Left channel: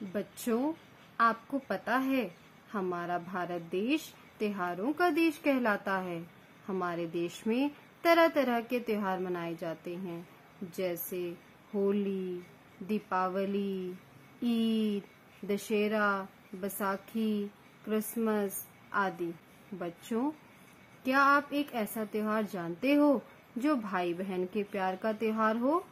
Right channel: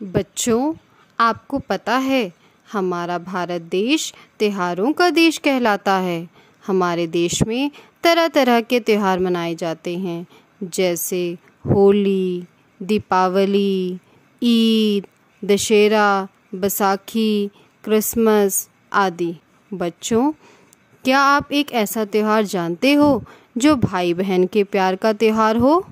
बच्चों, आपको पता है हमारा भारत देश त्योहारों का देश कहलाता है। हमारे देश में तरह तरह के त्योहार मनाए जाते हैं, जैसे होली, दीपावली, ईद, दशहरा, बैसाखी, क्रिसमस आदि। बच्चों, क्या आप एक ऐसा त्योहार जानते हो जो भाई बहन के प्यार का त्योहार हो?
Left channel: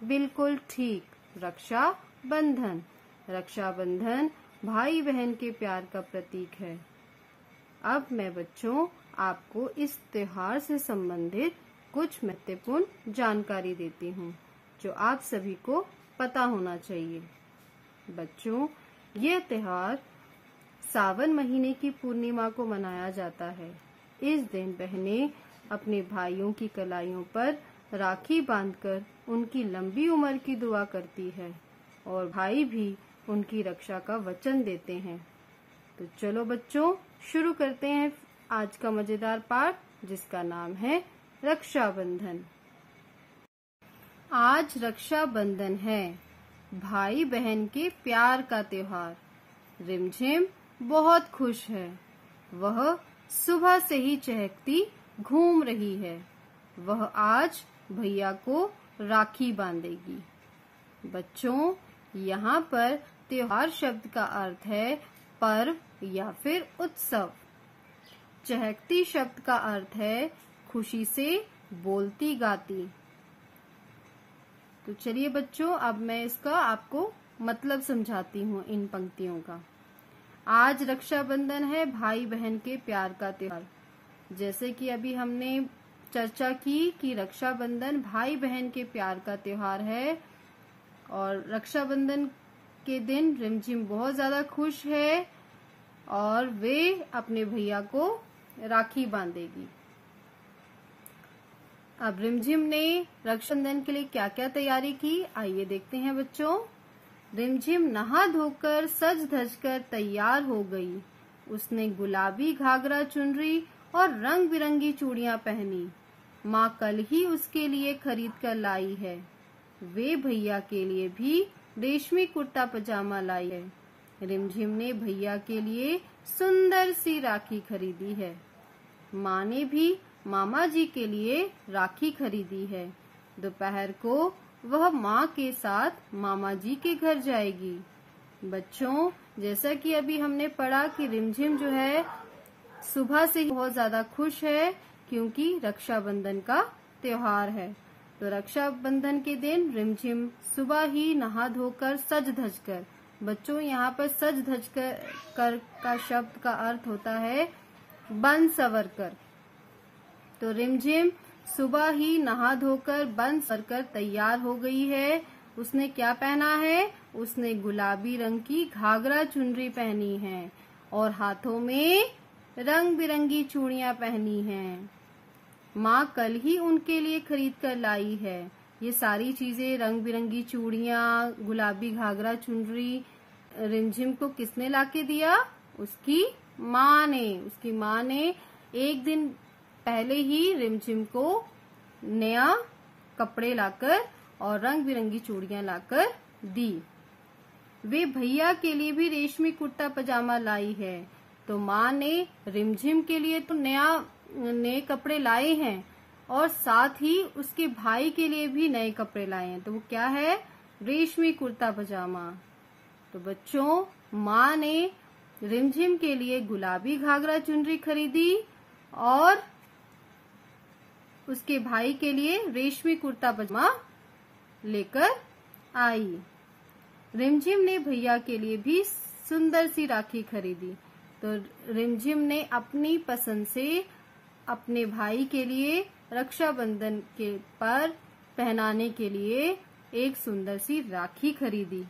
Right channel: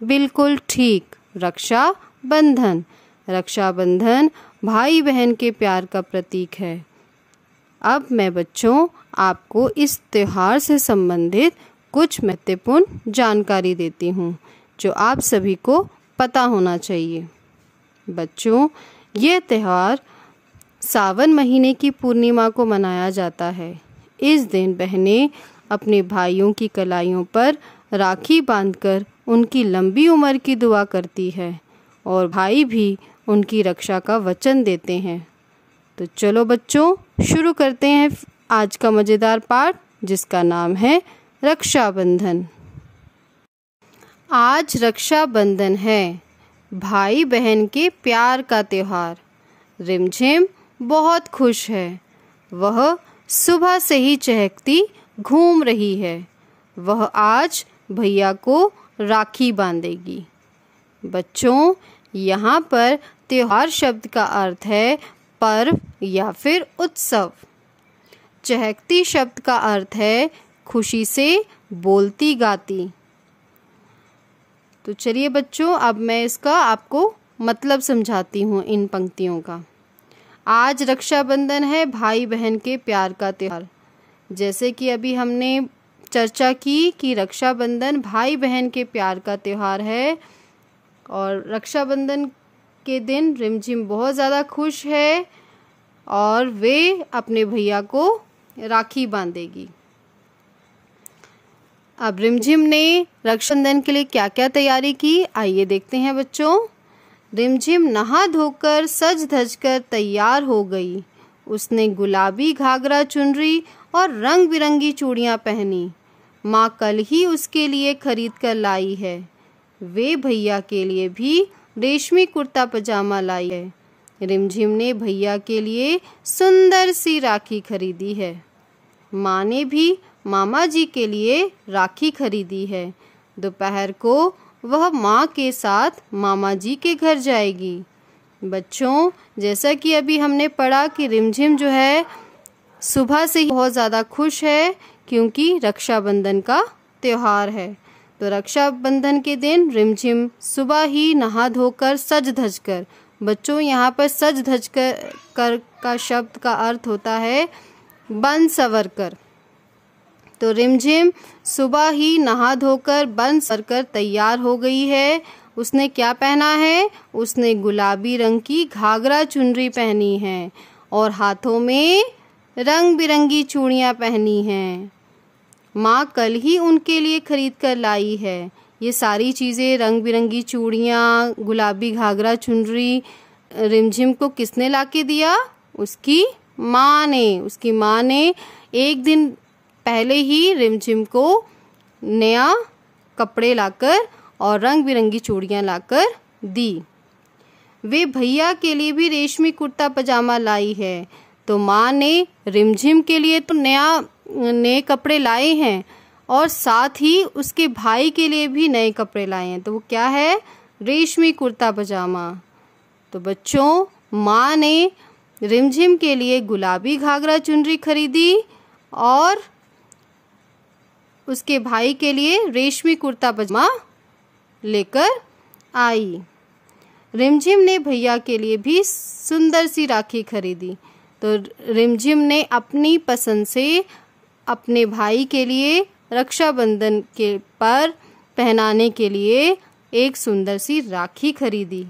बिल्कुल ठीक, रक्षाबंधन। रक्षाबंधन भाई बहन के प्यार का प्रतीक है। अब मैं बच्चों आपको इस त्योहार से संबंधित कुछ महत्वपूर्ण जानकारी देती हूँ जो आप सभी को पता होना चाहिए। बच्चों, यह त्योहार सावन महीने की पूर्णिमा को मनाया जाता है। इस दिन बहनें अपने भाइयों की कलाइयों पर राखी बांधकर उनकी लंबी उम्र की दुआ करती है और भाई भी उनकी रक्षा का वचन देते हैं। तो चलो बच्चों, शुरू करते हैं आज का मज़ेदार पाठ, जिसका नाम है रक्षाबंधन। आज रक्षाबंधन है, भाई बहन के प्यार का त्योहार। रिमझिम बहुत खुश है। वह सुबह से ही चहकती घूम रही है। वह आज भैया को राखी बांधेगी। बच्चों, यहाँ पर त्योहार शब्द का अर्थ है पर्व या फिर उत्सव। चहकती शब्द का अर्थ है खुशी से बोलती गाती। तो चलिए बच्चों, अब मैं इसका आपको मतलब समझाती हूँ इन पंक्तियों का। आज रक्षाबंधन है, भाई बहन के प्यार का त्योहार। जैसे कि अभी हमने चर्चा की कि रक्षाबंधन भाई बहन के प्यार का त्योहार है और रक्षाबंधन के दिन रिमझिम बहुत ज़्यादा खुश है और वे अपने भैया को राखी बांधेगी। अब रिमझिम ने रक्षाबंधन के लिए क्या क्या तैयारी की, आइए देखते हैं बच्चों। रिमझिम नहा धोकर सज धज कर तैयार हो गई। उसने गुलाबी घाघरा चुनरी और रंग बिरंगी चूड़ियां पहनी। माँ कल ही उसके लिए खरीद कर लाई है। वे भैया के लिए भी रेशमी कुर्ता पजामा लाई है। रिमझिम ने भैया के लिए सुंदर सी राखी खरीदी है। माँ ने भी मामा जी के लिए राखी खरीदी है। दोपहर को वह माँ के साथ मामा जी के घर जाएगी। बच्चों, जैसा कि अभी हमने पढ़ा कि रिमझिम जो है सुबह से ही बहुत ज़्यादा खुश है क्योंकि रक्षाबंधन का त्योहार है। तो रक्षाबंधन के दिन रिमझिम सुबह ही नहा धोकर सज धज कर, बच्चों यहाँ पर सज धज कर का शब्द का अर्थ होता है बन सवर कर। तो रिमझिम सुबह ही नहा धोकर बन सवर कर तैयार हो गई है। उसने क्या पहना है? उसने गुलाबी रंग की घाघरा चुनरी पहनी है और हाथों में रंग बिरंगी चूड़ियां पहनी हैं। माँ कल ही उनके लिए खरीद कर लाई है। ये सारी चीज़ें, रंग बिरंगी चूड़ियाँ, गुलाबी घाघरा चुनरी, रिमझिम को किसने ला के दिया? उसकी माँ ने। उसकी माँ ने एक दिन पहले ही रिमझिम को नया कपड़े लाकर और रंग बिरंगी चूड़ियाँ लाकर दी। वे भैया के लिए भी रेशमी कुर्ता पजामा लाई है। तो माँ ने रिमझिम के लिए तो नए कपड़े लाए हैं और साथ ही उसके भाई के लिए भी नए कपड़े लाए हैं। तो वो क्या है? रेशमी कुर्ता पजामा। तो बच्चों, माँ ने रिमझिम के लिए गुलाबी घाघरा चुनरी खरीदी और उसके भाई के लिए रेशमी कुर्ता पजामा लेकर आई। रिमझिम ने भैया के लिए भी सुंदर सी राखी खरीदी। तो रिमझिम ने अपनी पसंद से अपने भाई के लिए रक्षाबंधन के पर पहनाने के लिए एक सुंदर सी राखी खरीदी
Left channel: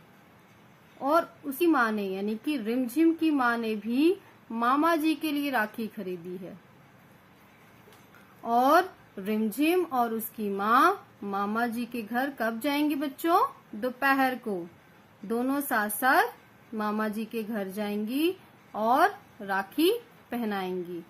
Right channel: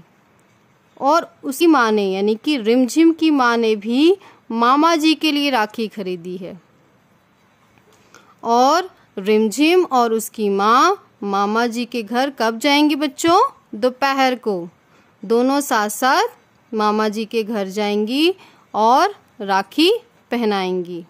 और उसी माँ ने, यानी कि रिमझिम की माँ ने भी मामा जी के लिए राखी खरीदी है। और रिमझिम और उसकी माँ मामा जी के घर कब जाएंगी बच्चों? दोपहर को। दोनों साथ साथ मामा जी के घर जाएंगी और राखी पहनाएंगी।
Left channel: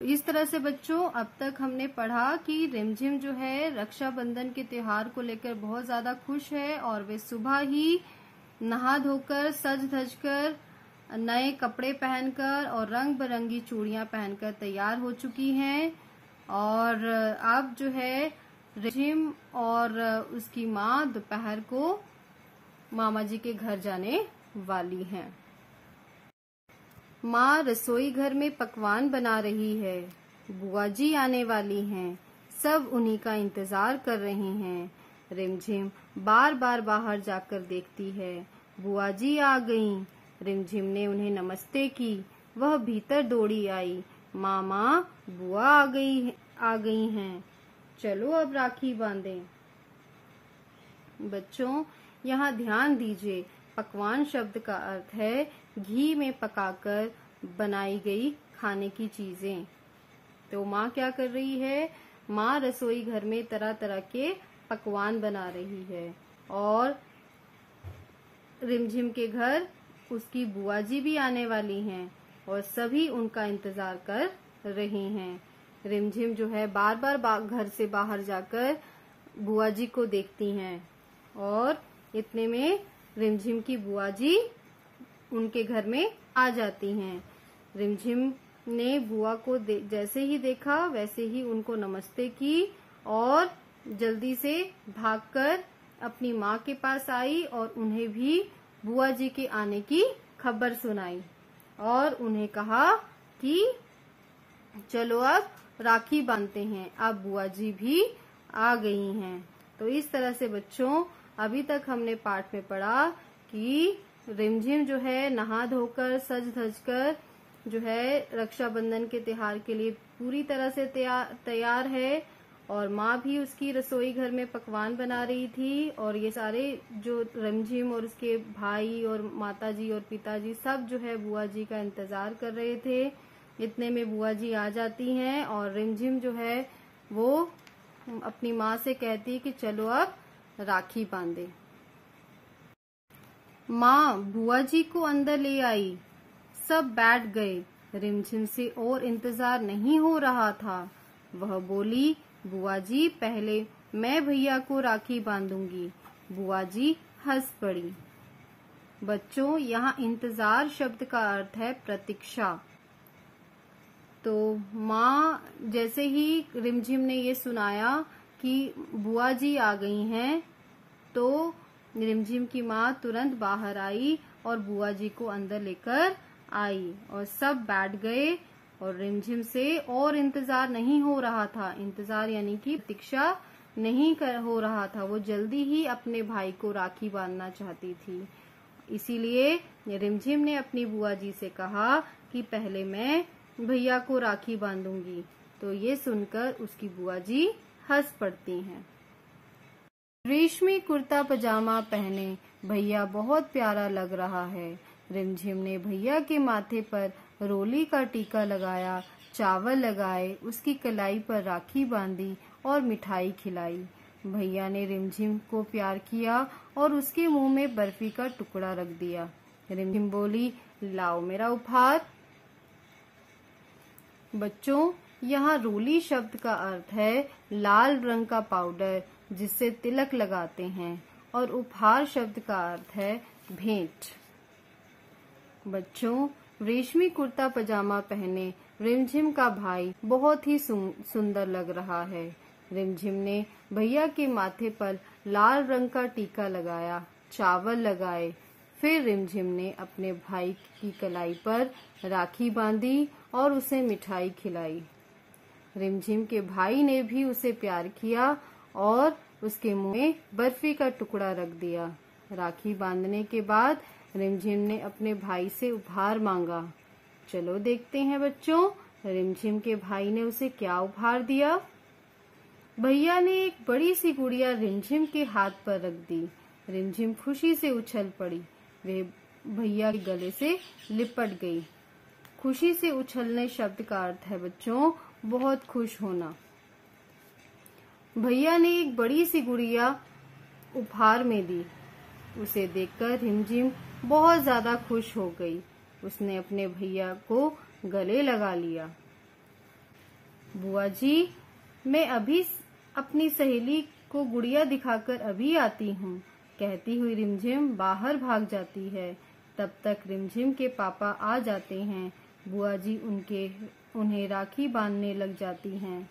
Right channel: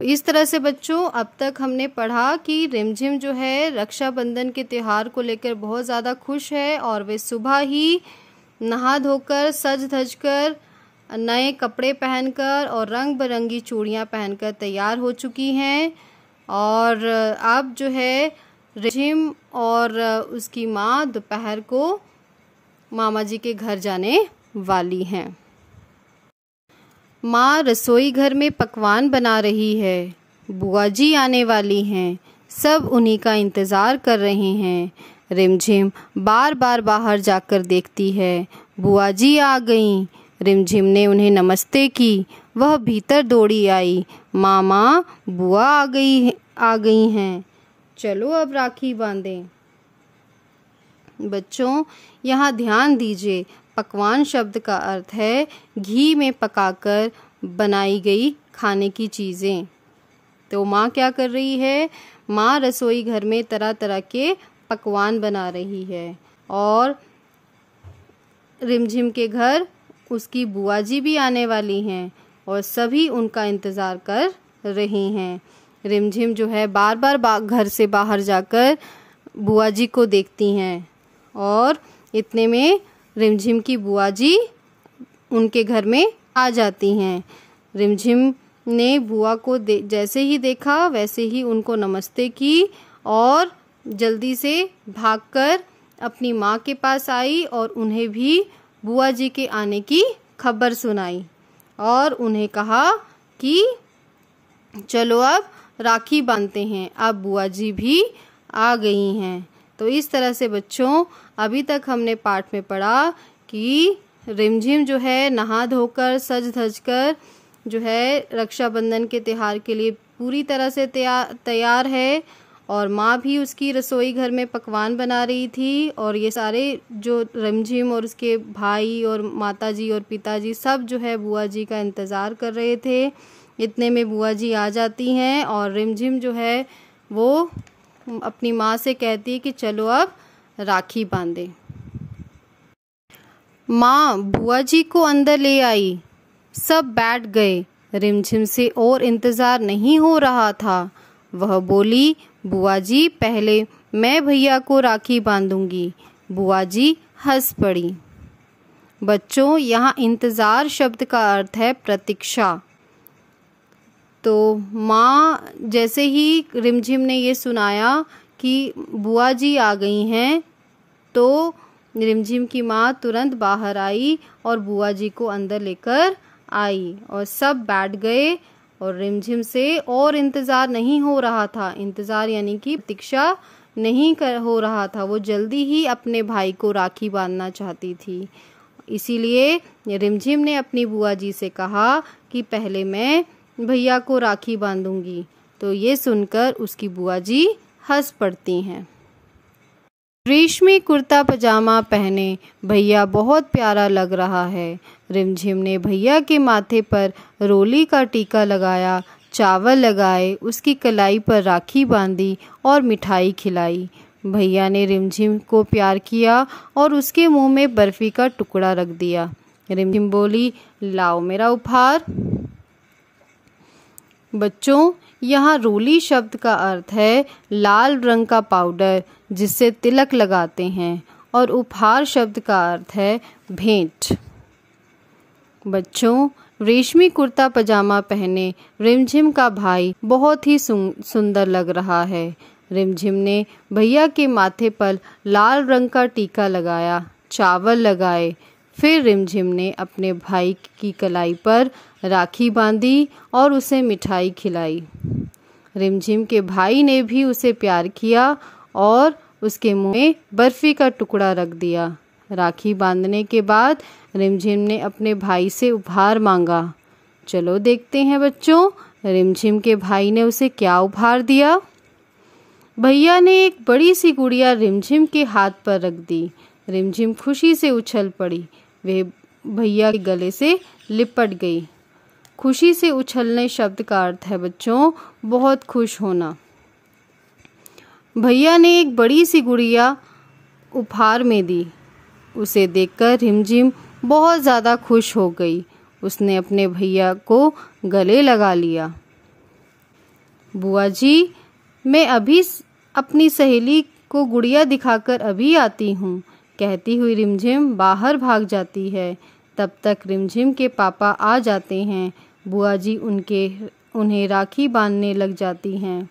इस तरह से बच्चों अब तक हमने पढ़ा कि रिमझिम जो है रक्षाबंधन के त्यौहार को लेकर बहुत ज़्यादा खुश है और वे सुबह ही नहा धोकर सज धज कर नए कपड़े पहनकर और रंग बिरंगी चूड़ियाँ पहनकर तैयार हो चुकी हैं। और अब जो है रिमझिम और उसकी माँ दोपहर को मामा जी के घर जाने वाली हैं। माँ रसोई घर में पकवान बना रही है। बुआ जी आने वाली हैं। सब उन्हीं का इंतज़ार कर रहे हैं। रिमझिम बार बार बाहर जाकर देखती है। बुआ जी आ गईं। रिमझिम ने उन्हें नमस्ते की। वह भीतर दौड़ी आई। मामा बुआ आ गई हैं। चलो अब राखी बांधें। बच्चों यहाँ ध्यान दीजिए, पकवान शब्द का अर्थ है घी में पकाकर बनाई गई खाने की चीज़ें। तो माँ क्या कर रही है? माँ रसोई घर में तरह तरह के पकवान बना रही है और रिमझिम के घर उसकी बुआ जी भी आने वाली हैं और सभी उनका इंतज़ार कर रही हैं। रिमझिम जो है बार बार घर से बाहर जाकर बुआ जी को देखती हैं और इतने में रिमझिम की बुआ जी उनके घर में आ जाती हैं। रिमझिम ने बुआ को जैसे ही देखा वैसे ही उनको नमस्ते की और जल्दी से भागकर अपनी माँ के पास आई और उन्हें भी बुआ जी के आने की खबर सुनाई और उन्हें कहा कि चलो अब राखी बांधते हैं। अब बुआ जी भी आ गई हैं। तो इस तरह से बच्चों अभी तक हमने पाठ में पढ़ा कि रिमझिम जो है नहा धोकर सज धज कर जो है रक्षाबंधन के त्यौहार के लिए पूरी तरह से तैयार है और माँ भी उसकी रसोई घर में पकवान बना रही थी और ये सारे जो रिमझिम और उसके भाई और माताजी और पिताजी सब जो है बुआ जी का इंतज़ार कर रहे थे। इतने में बुआ जी आ जाती हैं और रिमझिम जो है वो अपनी माँ से कहती है कि चलो अब राखी बांधे। माँ बुआ जी को अंदर ले आई। सब बैठ गए। रिमझिम से और इंतज़ार नहीं हो रहा था। वह बोली, बुआ जी पहले मैं भैया को राखी बांधूंगी। बुआ जी हंस पड़ी। बच्चों यहाँ इंतज़ार शब्द का अर्थ है प्रतीक्षा। तो माँ जैसे ही रिमझिम ने ये सुनाया कि बुआ जी आ गई हैं तो रिमझिम की माँ तुरंत बाहर आई और बुआ जी को अंदर लेकर आई और सब बैठ गए और रिमझिम से और इंतज़ार नहीं हो रहा था। इंतज़ार यानी कि प्रतीक्षा नहीं हो रहा था। वो जल्दी ही अपने भाई को राखी बांधना चाहती थी। इसीलिए रिमझिम ने अपनी बुआ जी से कहा कि पहले मैं भैया को राखी बांधूंगी। तो ये सुनकर उसकी बुआ जी हंस पड़ती हैं। रेशमी कुर्ता पजामा पहने भैया बहुत प्यारा लग रहा है। रिमझिम ने भैया के माथे पर रोली का टीका लगाया, चावल लगाए, उसकी कलाई पर राखी बांधी और मिठाई खिलाई। भैया ने रिमझिम को प्यार किया और उसके मुंह में बर्फी का टुकड़ा रख दिया। रिमझिम बोली, लाओ मेरा उपहार। बच्चों यहाँ रोली शब्द का अर्थ है लाल रंग का पाउडर जिससे तिलक लगाते हैं और उपहार शब्द का अर्थ है भेंट। बच्चों रेशमी कुर्ता पजामा पहने रिमझिम का भाई बहुत ही सुंदर लग रहा है। रिमझिम ने भैया के माथे पर लाल रंग का टीका लगाया, चावल लगाए। फिर रिमझिम ने अपने भाई की कलाई पर राखी बांधी और उसे मिठाई खिलाई। रिमझिम के भाई ने भी उसे प्यार किया और उसके मुंह में बर्फी का टुकड़ा रख दिया। राखी बांधने के बाद रिमझिम ने अपने भाई से उपहार मांगा। चलो देखते हैं बच्चों, रिमझिम के भाई ने उसे क्या उपहार दिया। भैया ने एक बड़ी सी गुड़िया रिमझिम के हाथ पर रख दी। रिमझिम खुशी से उछल पड़ी। वे भैया के गले से लिपट गई। खुशी से उछलने शब्द का अर्थ है बच्चों बहुत खुश होना। भैया ने एक बड़ी सी गुड़िया उपहार में दी। उसे देखकर रिमझिम बहुत ज़्यादा खुश हो गई। उसने अपने भैया को गले लगा लिया। बुआ जी, मैं अभी अपनी सहेली को गुड़िया दिखाकर अभी आती हूँ, कहती हुई रिमझिम बाहर भाग जाती है। तब तक रिमझिम के पापा आ जाते हैं। बुआ जी उन्हें राखी बांधने लग जाती हैं।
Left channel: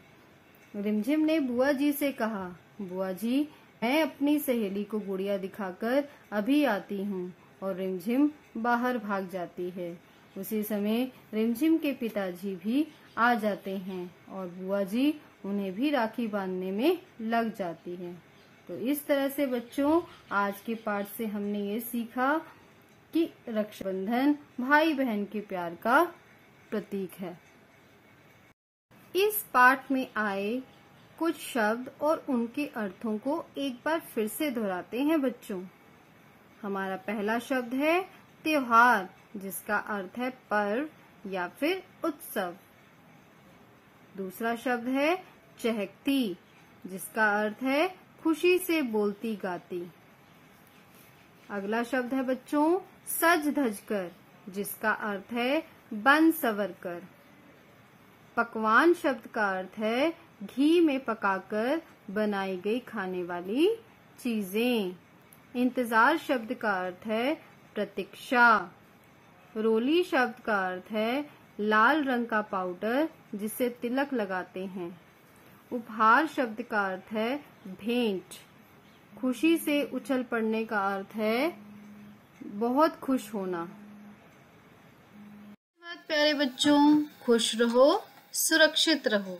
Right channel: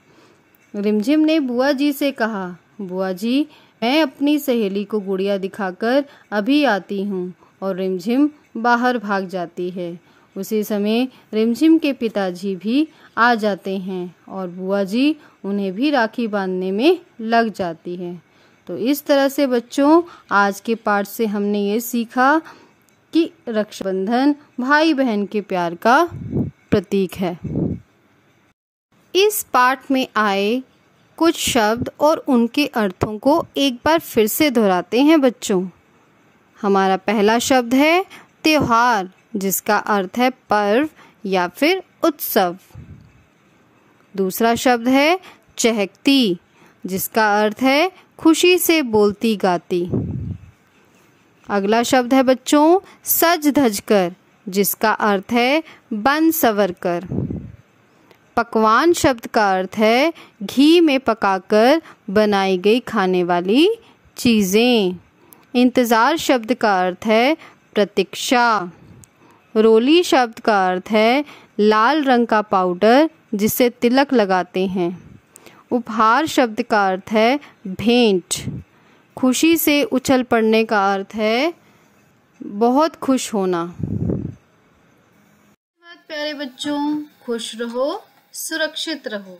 रिमझिम ने बुआ जी से कहा, बुआ जी, मैं अपनी सहेली को गुड़िया दिखाकर अभी आती हूँ, और रिमझिम बाहर भाग जाती है। उसी समय रिमझिम के पिताजी भी आ जाते हैं और बुआ जी उन्हें भी राखी बांधने में लग जाती है। तो इस तरह से बच्चों, आज के पाठ से हमने ये सीखा कि रक्षाबंधन भाई बहन के प्यार का प्रतीक है। इस पाठ में आए कुछ शब्द और उनके अर्थों को एक बार फिर से दोहराते हैं बच्चों। हमारा पहला शब्द है त्योहार, जिसका अर्थ है पर्व या फिर उत्सव। दूसरा शब्द है चहकती, जिसका अर्थ है खुशी से बोलती गाती। अगला शब्द है बच्चों सज धज कर, जिसका अर्थ है बन सवर कर। पकवान शब्द का अर्थ है घी में पकाकर बनाई गई खाने वाली चीज़ें। इंतज़ार शब्द का अर्थ है प्रतीक्षा। रोली शब्द का अर्थ है लाल रंग का पाउडर जिसे तिलक लगाते हैं। उपहार शब्द का अर्थ है भेंट। खुशी से उछल पड़ने का अर्थ है बहुत खुश होना। प्यारे बच्चों, खुश रहो, सुरक्षित रहो।